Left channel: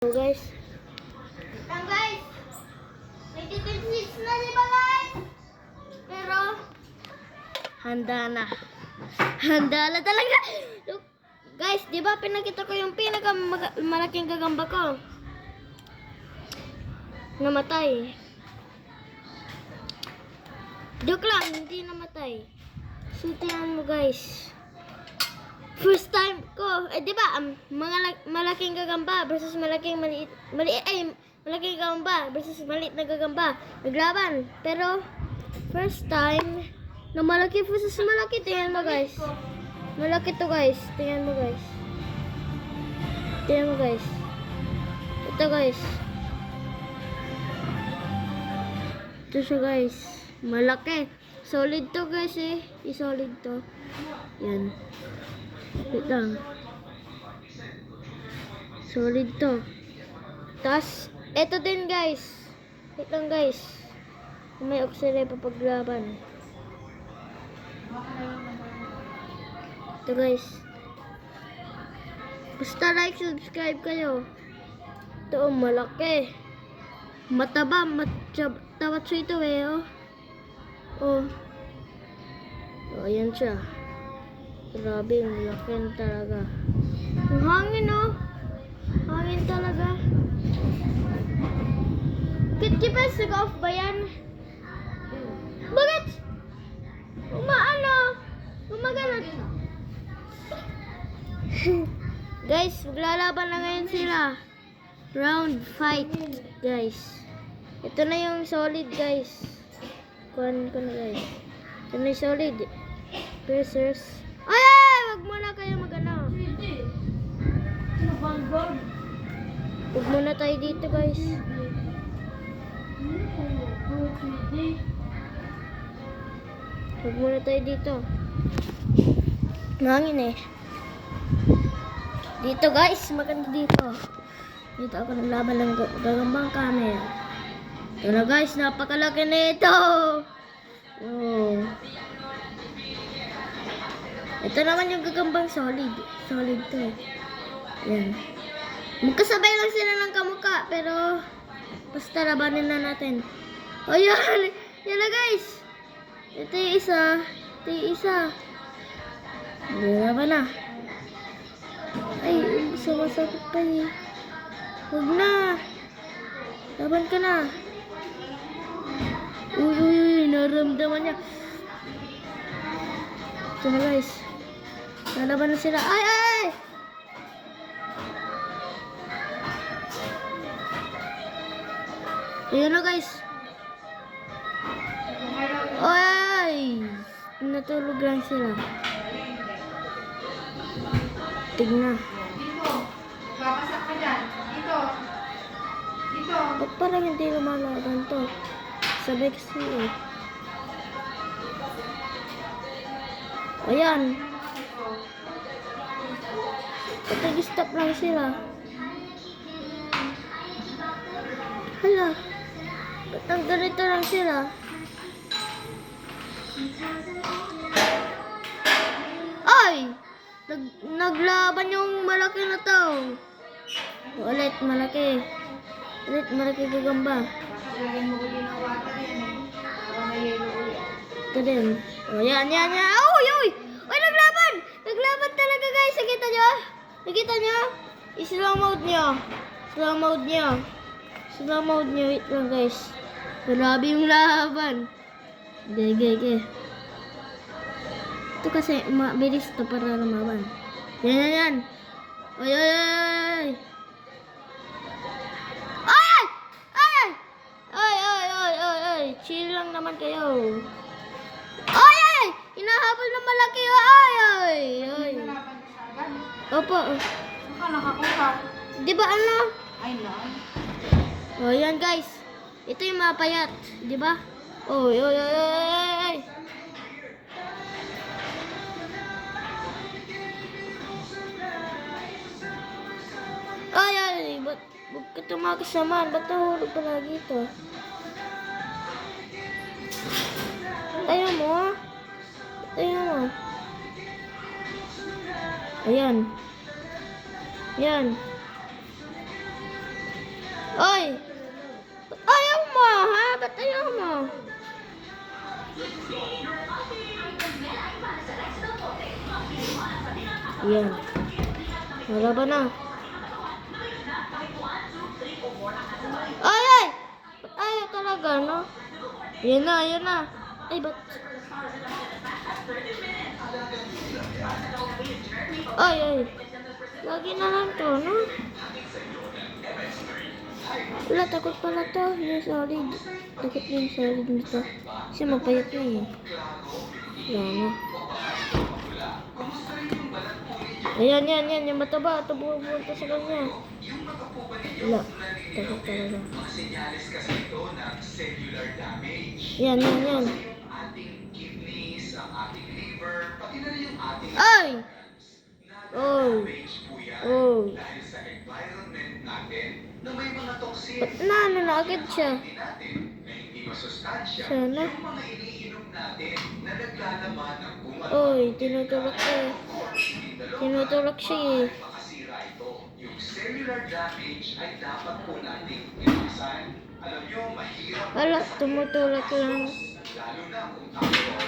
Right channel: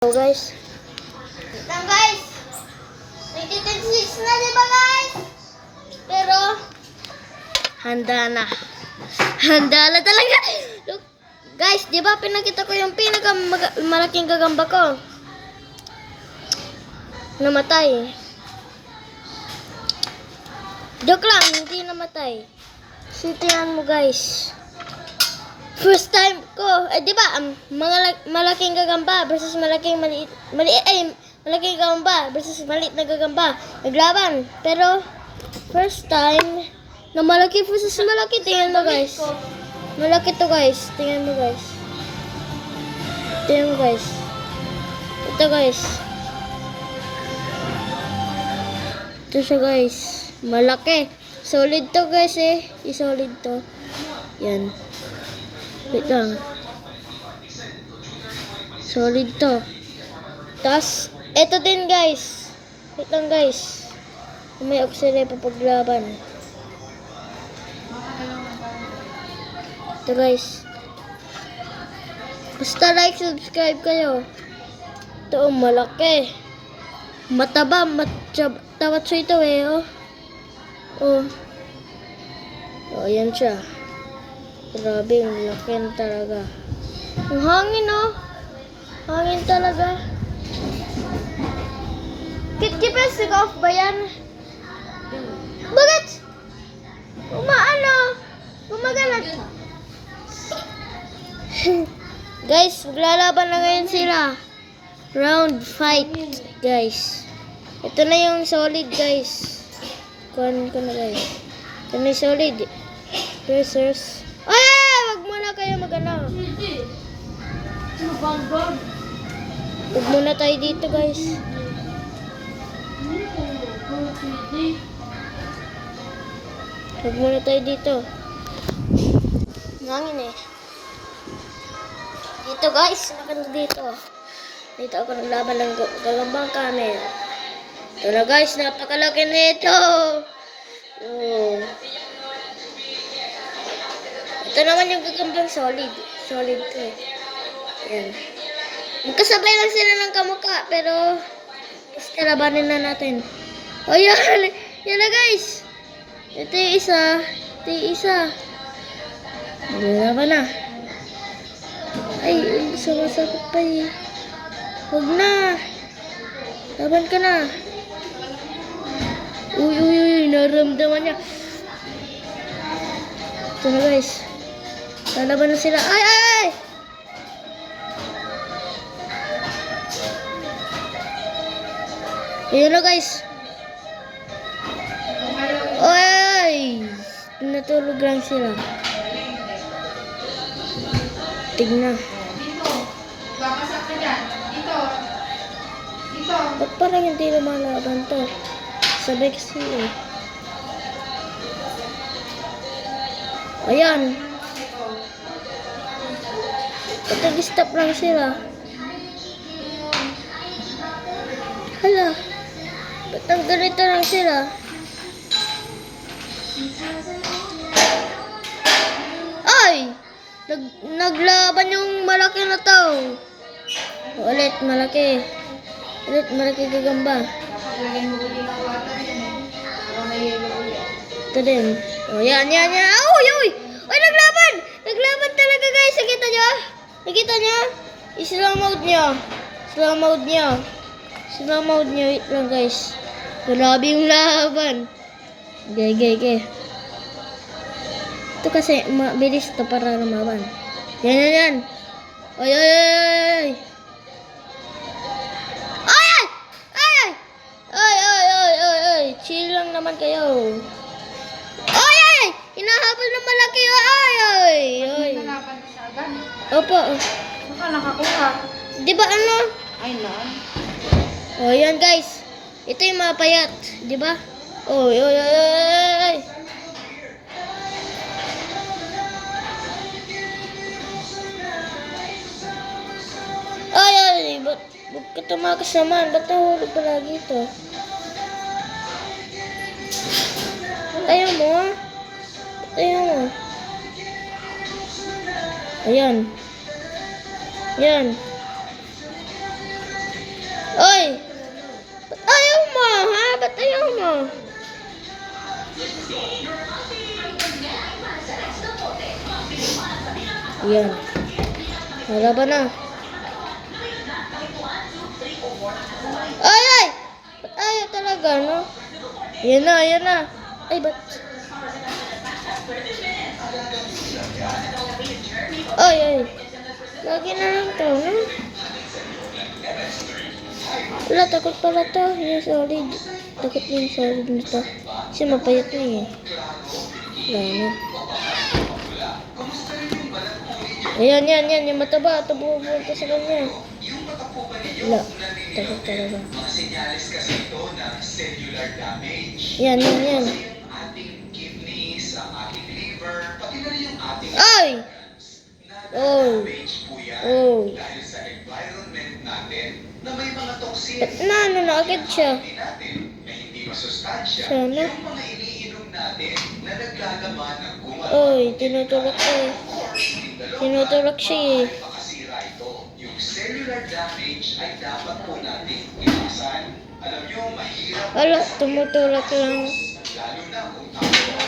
So guys, Lang guys, 2026 na diba guys? Pero, handa na. Handa na talaga. Look, guys, di ba pinakita ko yung malaking gagamba ko? Namatay. Joke lang, hindi namatay. Sintihan mo guys. First time ko, di ba, malaking gagamba versus malaking malaking gagamba versus maliit na gagamba. Naglaban. Pero, first time, na malaki versus malaki. Tingnan mo guys. Malaki to guys. Tingnan mo guys. Tingnan mo guys. Ito guys. Ito siya guys. Malaki. Solid to guys eh. I-solid to. Yan. Wait lang. Solid to. Tapos, eto din guys. Wait lang guys. May oxygen pa paglaban. Ito guys. Basta like, subscribe kayo. Ito, malaki. Mataba, tawat siya ito eh, oh. Oh. Oh, yan siya. Grabe, ang laki na talaga. Ang hangin, oh. Hangin talaga. Kit-kipis, nag-off ba yan? Bakit? Gumagana. Guys, maglalaban na ngayon sila. Round fight, guys. Ito na yung solid, guys. Kuhan ko na, guys. Ito na yung solid. Pressers. Ay! Wag muna kayo mag-ano. Wag muna tayo dito, guys. Wag muna tayo dito. Nangin eh. Dito, guys. Maganda dito. Dito ako naglaban ng gagambang camel. Ito na, guys. Napakalaki na ito. Oh. Ito naman yung gagambang solid. Solid to eh. Ayan. Magkasabay lang sila ng kamukha. Pero, basta labanin na natin. O yan. Yan na guys. Ito yung isa. Ito yung isa. Laban na. Ay, sumasakit pa eh. Huwag na. Laban ka na. Uy. Naramdaman niya. Ito na guys. Lalaban na sila. Ay! Ayan na guys. Ay! Natulog lang sila. Tignan. babasak ka dyan. Dito. Ba't parang hindi lumalaban to? Sabay kasi eh. Ayan. Ba't nag-stop lang sila? Hala. Ba't ang ganito lang sila? Ay! Naglaban yung malaki na to. Ulit, malaki. Ulit, malaki gagamba. Ito din. O, yan. Uy! Uy, naglaban! Naglaban talaga, guys. Nakita nyo? Nakita nyo? I-slow mode nyo. Slow mode nyo. Wait lang, guys. Grabe yung laban. Okay. Ito kasi, mabilis to para lumaban. Yan. Ay! Chill lang naman kayo. Ay! Hinahabol ng malaki. Ay! Opo. Baka nakakuha. Di ba ano? Ay no. O, yan guys. Ito yung mapayat. Di ba? Oy. Ay, ba't ka tumakas naman? Ba't nahulog palagi ito? Ayaw mo? Ayan. Yan. Yan. Wala ba na? Ay, ay! Ba't ayaw talaga, no? Yan na, yan na. Ay, ba't? Ay, ay. Lagi na lang to, no? Wala, takot pala to. Yung solid. Takot yung solid nito. Kasi mapayat na eh. Wala na. Ayan, yan, yan. Yung mataba. Ito buwan sa kanya. Wala. Takot talaga. Yan, yan, yan. Ay! Oh! Oh! Ba't na agad siya? Sana. Oy, tinutulak siya eh. Tinutulak siya eh. Yung cellular damage ay dapat po natin iwasan. Alam nyo, mahirap. Wala, tumutulak lang. Lalo na kung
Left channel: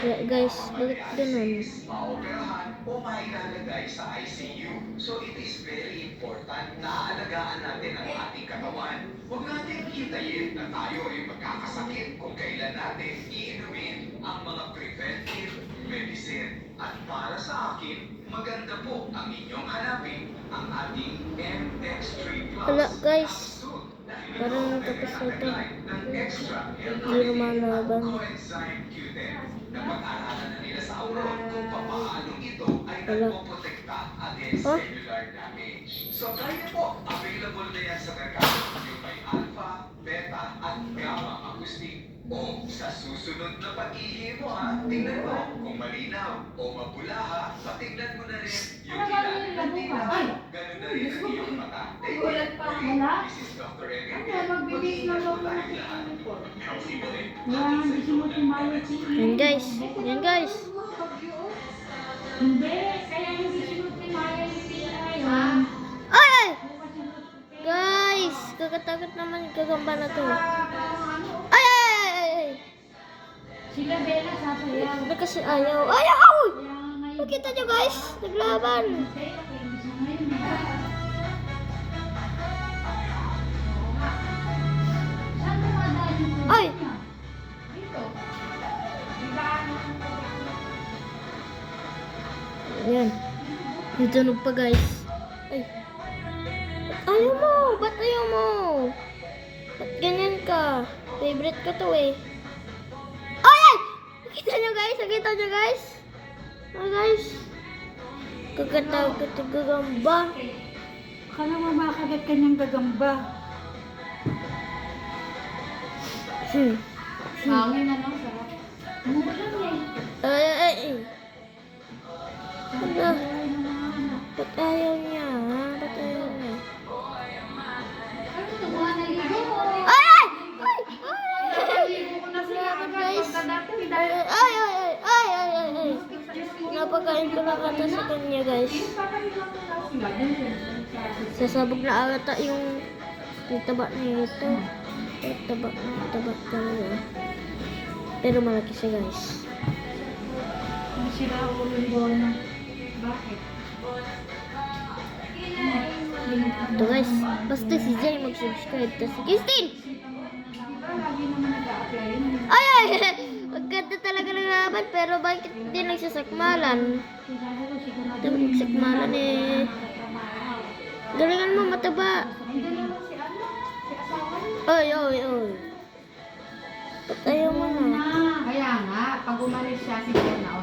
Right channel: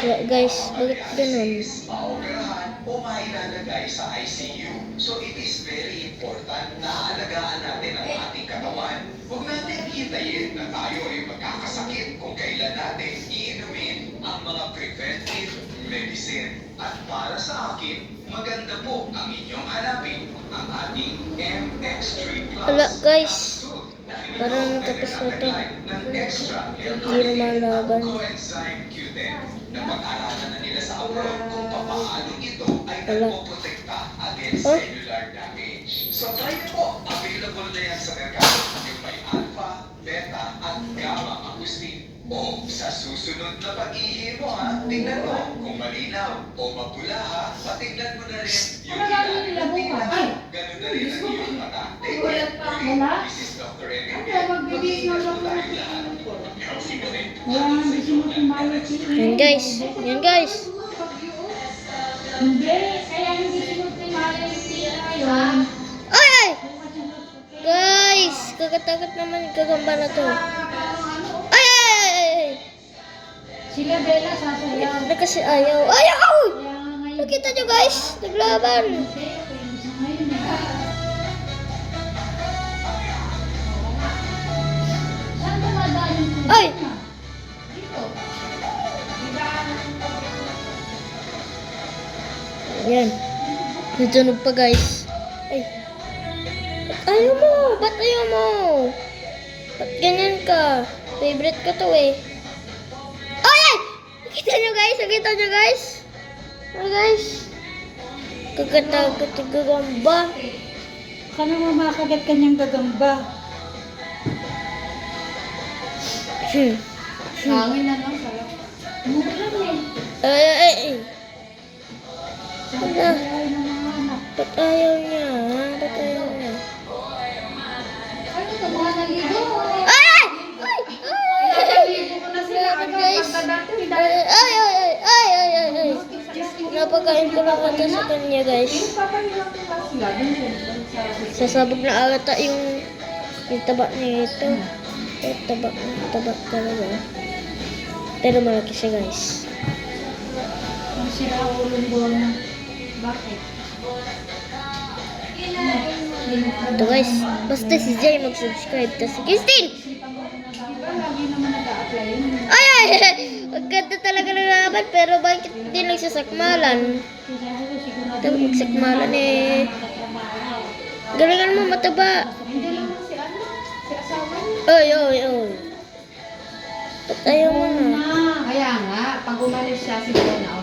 Wala, guys, bakit ganun? maoperahan o mailalagay sa ICU. So it is very important na aalagaan natin ang ating katawan. Huwag natin hintayin na tayo ay magkakasakit kung kailan natin iinumin ang mga preventive medicine. At para sa akin, maganda po ang inyong hanapin ang ating MX3 Plus. Wala, guys. Parang natapos na ito. Hindi lumalaban. Coenzyme Q10 na pag-aralan na nila sa abroad kung paano ito ay Wala. nagpoprotekta against Huh? cellular damage. So try nyo po. Available na yan sa merkado. Yung may alpha, beta, at gamma acoustic. O sa susunod na pag-ihi mo ha, tingnan mo kung malinaw o mapula ha, patingnan mo na rin yung ilalim ng tila. Ganun na rin ang iyong mata. Take it. This is Dr. Enrique. Mag-iingat po tayo lahat. Healthy mo rin. Yan, guys. Yan, guys. Hindi, kaya hindi sinuprimaya yung tira ngayon. Ay, ay! Guys, kakatakot naman gagamba na to. Ay, ay, ay, ay, ay. Sila Bella sasayaw. Na kasi ayaw. Ayaw! Kaya nga ngayon. Nakita nyo, guys. Naglaban. Saan ba nadaan yung tubig Ay! na? Dito. Yan. Natunog pa, guys. Ay. Ba't ayaw mo? Ba't ayaw mo? Ba't ganyan ka? Favorite ko to eh. Ay! Ay! Nakita nyo, guys? Nakita nyo, guys? Oh, guys. Kakatakot yung gagamba. Baka naman makagat kanyang gagamba. Hmm. Hangin na lang, sarap. Mura lang eh. Ay, ay, ay, ay. Ano? Ay, mga anak. Ba't ayaw niya? Ha? Ba't ayaw niya? Ano ito, mga naligo? Ay! Ay! Ay! Ay! Naligo ko na sila. Grabe, guys. Pagkadati, Ay! Ay! Ay! Ay! Ay! Ay! Ay! Napakain ko lang ata sa kanya, guys. papahilang ko na sila. Dun din. Sarap. Sasabog na ata yung taba nito. Taba talaga. Pero malaki siya, guys. Kung sila ulong buwan na. Bakit? Ito, guys. Basta si Jay mag-subscribe. Tapos si Christine! Diba lagi naman nag-a-apply yun? Ay! Ay! Ay! Maganda talaga ng laban. Pero bakit hindi nagsasakmalan? Siguro, sigurado Dapat magsakmalan eh. Galingan mo, mataba. Hindi naman si ano, si asawa niya. Oy, oy, oy. Ba't ayaw mo na? Kaya nga, pag umalis siya siguro na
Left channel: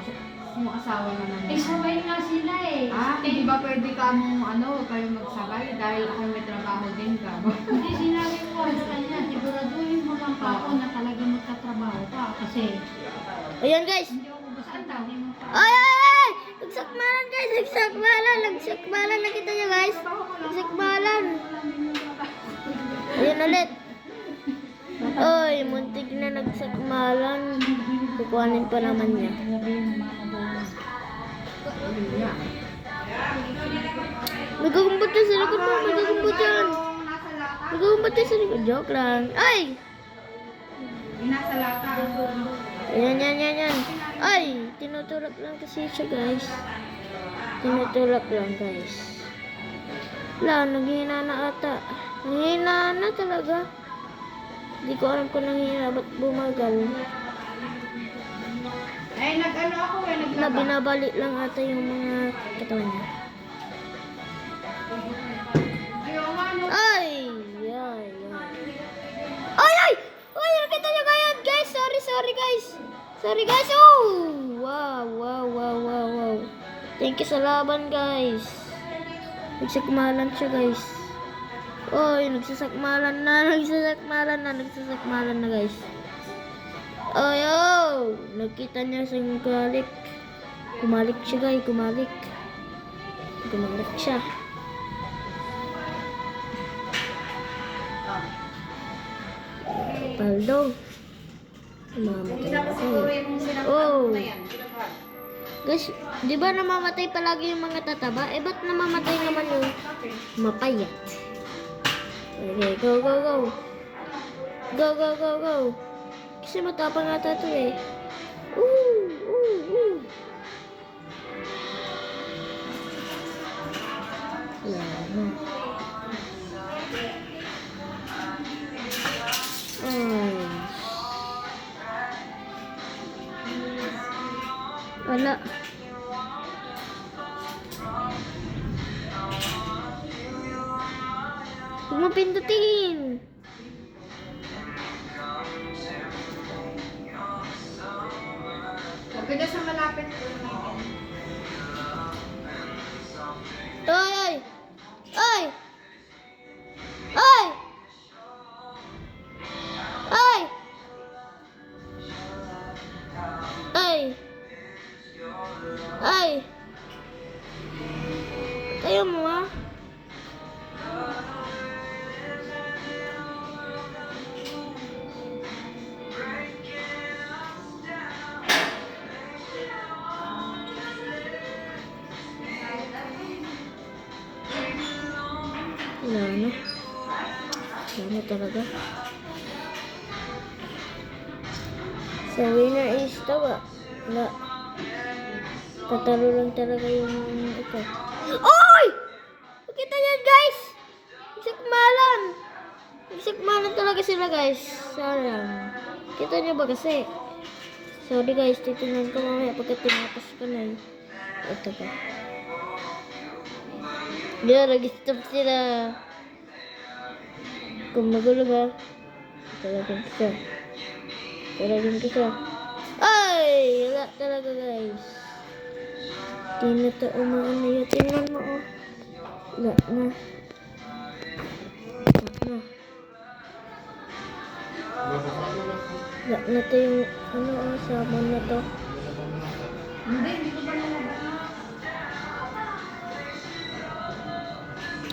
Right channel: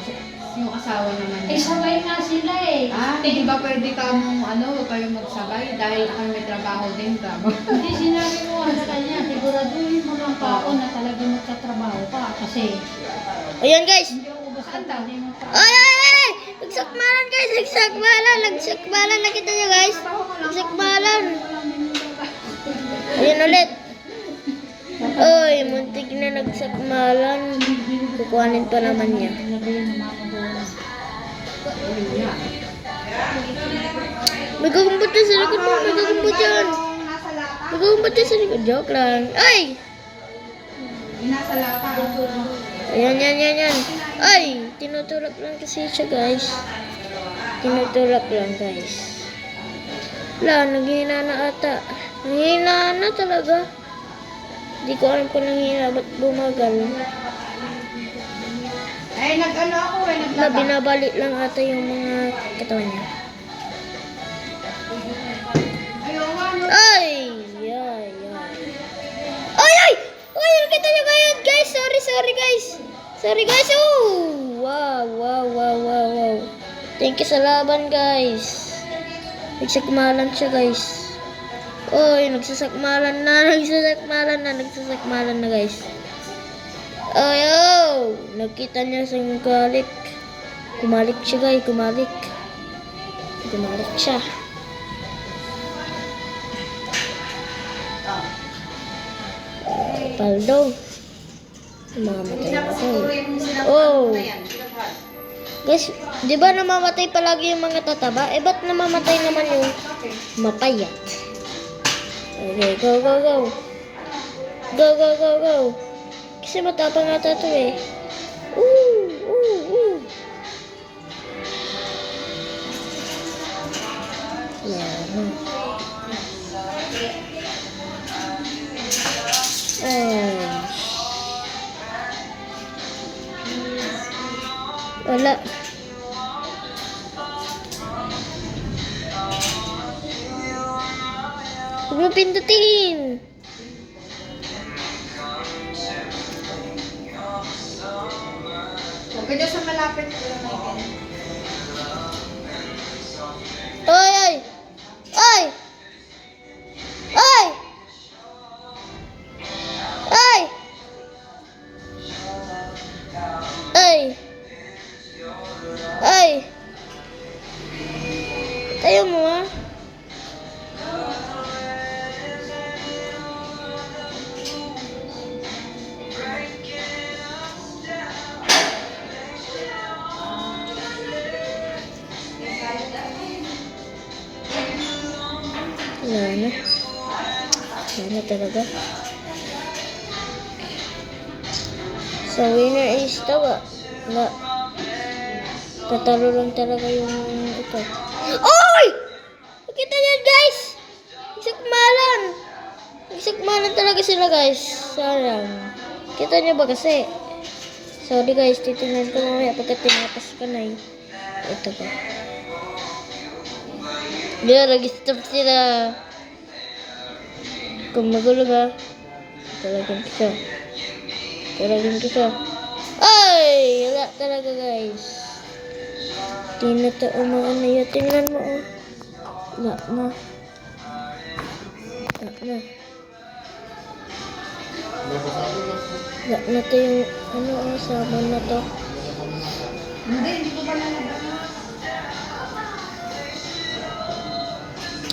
yung asawa naman Eh, niya. sabay nga sila eh. Di ba pwede ka mong kayo magsabay dahil ako may trabaho din ka. Hindi sinabi mo nga sa kanya, siguraduhin mo lang pa ako na talaga magtatrabaho ka. Kasi, Ayan, guys. hindi ako basta hindi mo pa. Ay, ay, ay! Nagsakmalan, guys. Nagsakmalan. Nagsakmalan. Nakita niyo, guys? Nagsakmalan. Ayan ulit. Oy, muntik na nagsakmalan. Kukuhanin pa naman niya. Sabihin ng mama mo. May gagumpot dyan sa likod mo. May gagumpot dyan. May gagumpot dyan sa likod. Joke lang. Ay! Inasa lata. Yan. Ay! Tinutulak lang kasi siya, guys. Tinutulak lang, guys. Wala, nanghihina na ata. Nanghihina na talaga. Hindi ko alam kung nanghihina. Ba't bumagal? Ay, nag-ano ako eh, Na naglaba. binabalik lang ata yung mga katawan niya. Ayaw nga, no? Ay! Ay! Ay! Nakita niyo kayo, guys! Sorry, guys! Sorry, guys! Oh! Wow! Thank you sa laban, guys. Nagsakmalan siya, guys. Oy, nagsasakmalan na, guys. Ay, oh! Nakita niya sa galik. Kumalik siya, guys. Kumalik siya. Paldo. Mamamatay na ako. Oh! Guys, di ba namamatay palagi yung mga tataba? Eh, ba't namamatay naman yung mapayat? Okay, go. Go. Kasi matapang ata ito eh. Ooh. Yan. Ay. Wala. Huwag mo pindutin. Huwag ka dyan sa malapit. Ay! Tayo mo ah. Wala talaga. So, winner is tawa. Wala. Tatalo lang talaga yung ito. Oy! Nakita niyo, guys! Nagsakmalan talaga sila, guys. Sayang. Kita niyo ba kasi? Sorry, guys. Titignan ko mamaya pagka tinapas ko na eh. Ito ba? Diyan, nag-stop sila. Kung magulo ba? Talagin ko siya. Ay! Wala talaga, guys. Di na ito umaano yun. Tingnan mo, oh. Wala na ito yung, sabon na to. Hindi ko pa nalagyan.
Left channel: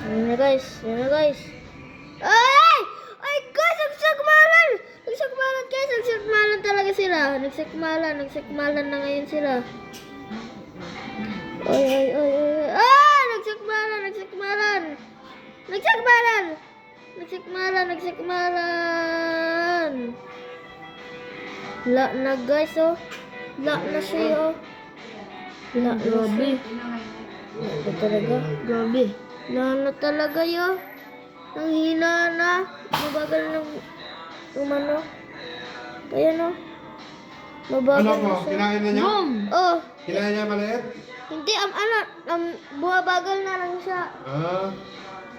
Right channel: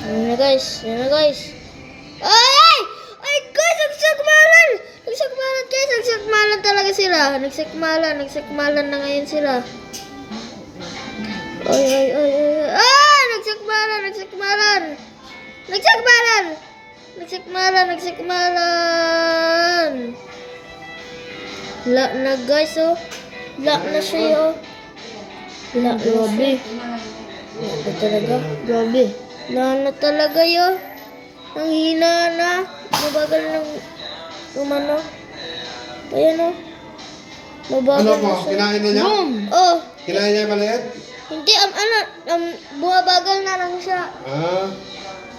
Yan na, guys. Ay! Ay, guys! Nagsakmalan, guys! Nagsakmalan talaga sila. Nagsakmalan na ngayon sila. Ay! Ah! Nagsakmalan! La na, guys, oh. La na siya, oh. La na siya. La talaga. Grabe. La na talaga, yo. Ang hina na. Mabagal ng umano. Ayan, oh. Mabagal na siya. Kinain na niya? Oh. Kinain niya maliit? Hindi, bumabagal na lang siya. Ah.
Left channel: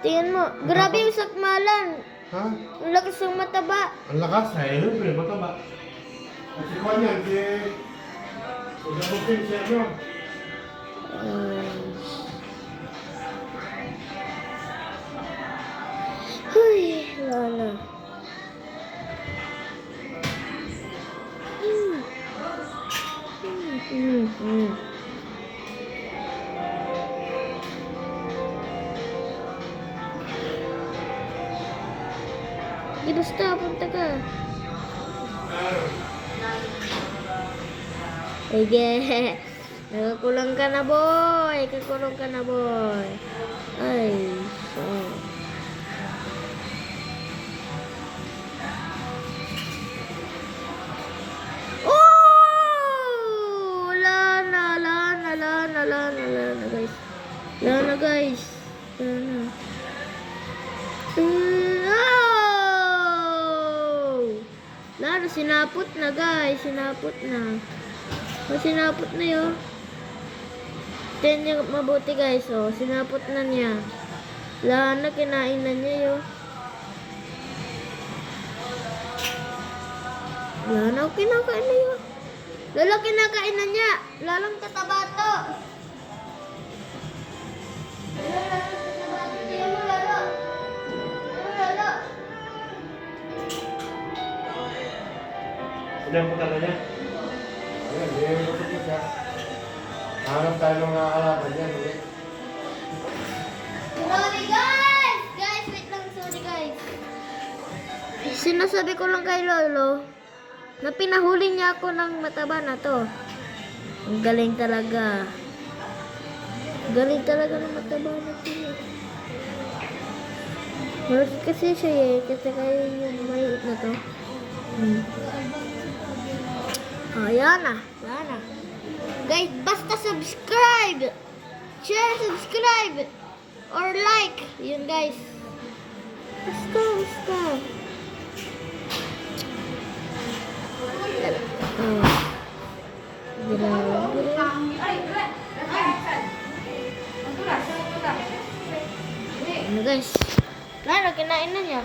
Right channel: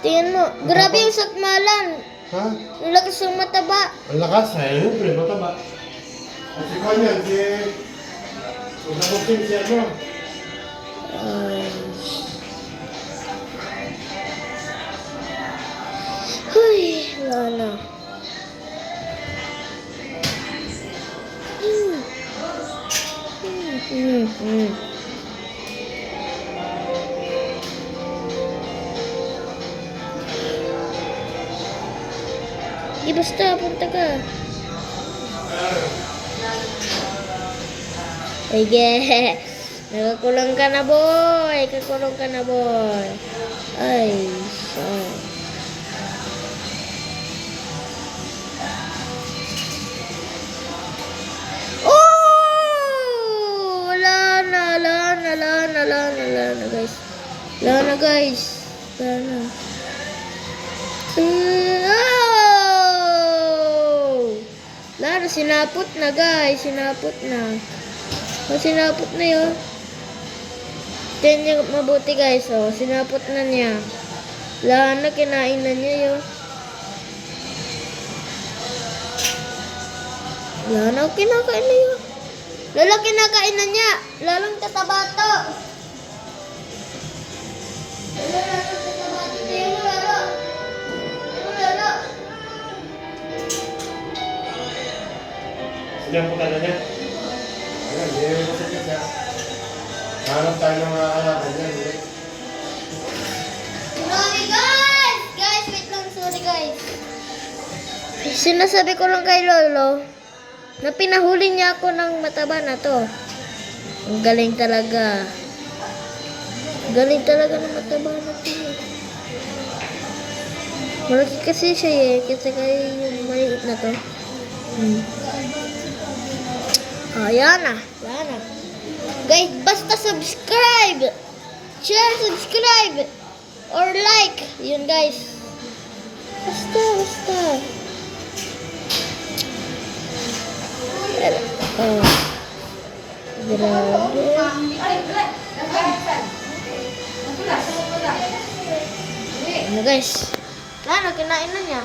Tingnan mo. Grabe yung sakmalan. Ha? Ang lakas ng mataba. Ang lakas eh. Yun, pre, mataba. At si Kwan yan, si... Nabuksin siya, no? Ay. Huy, wala na. Di basta, punta ka. Sige. Nakakulong ka na, boy. Kakulong ka na, boy. Ay, so. Wala na guys. Wala na. Oh! Wala na, sinapot na guys. Sinapot na. Oh, sinapot na yun. Tignan niyo mabuti guys. Oh, sinapot na niya. Wala na, kinain na niya yun. Wala na, kinakain na yun. Lalo, kinakain na niya. Lalong tataba to. Sila ang putala niya. Ayan, hindi mo sakit niya. Hanap tayo ng alaman niya, hindi. Sorry guys! Guys, wait lang. Sorry guys. Sinasabi ko lang kay Lolo na pinahuli niya ako ng mataba na to. Ang galing talaga. Galing talaga ng mataba na to. Malaki kasi siya eh. Kasi kaya yung maliit na to. Ayan na. Ayan na. Guys, basta subscribe. Share, subscribe. Or like. Yun guys. Basta. Oh. Grabe. Ano guys? Lalo, kinain na niya.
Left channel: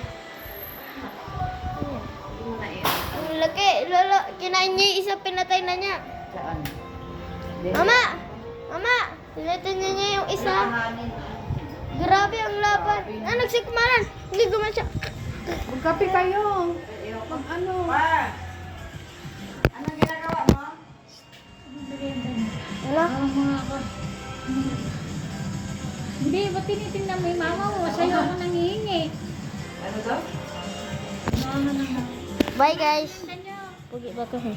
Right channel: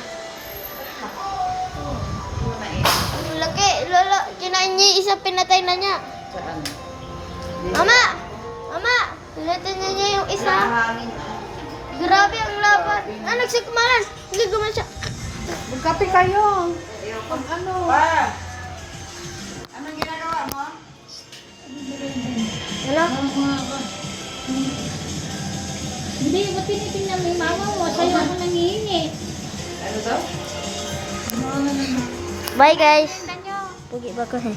Ang laki. Lolo, kinain niya yung isa, pinatay na niya. Mama! Mama! Pinatay na niya yung isa. Grabe ang laban. Ah, nagsikmalan. Hindi guman siya. Magkape kayo. Ano? Hello? Hindi, ba't tinitingnan mo yung mama mo? Sa'yo ako nangihingi. Bye guys. Tingnan nyo. Pugi ba ko eh?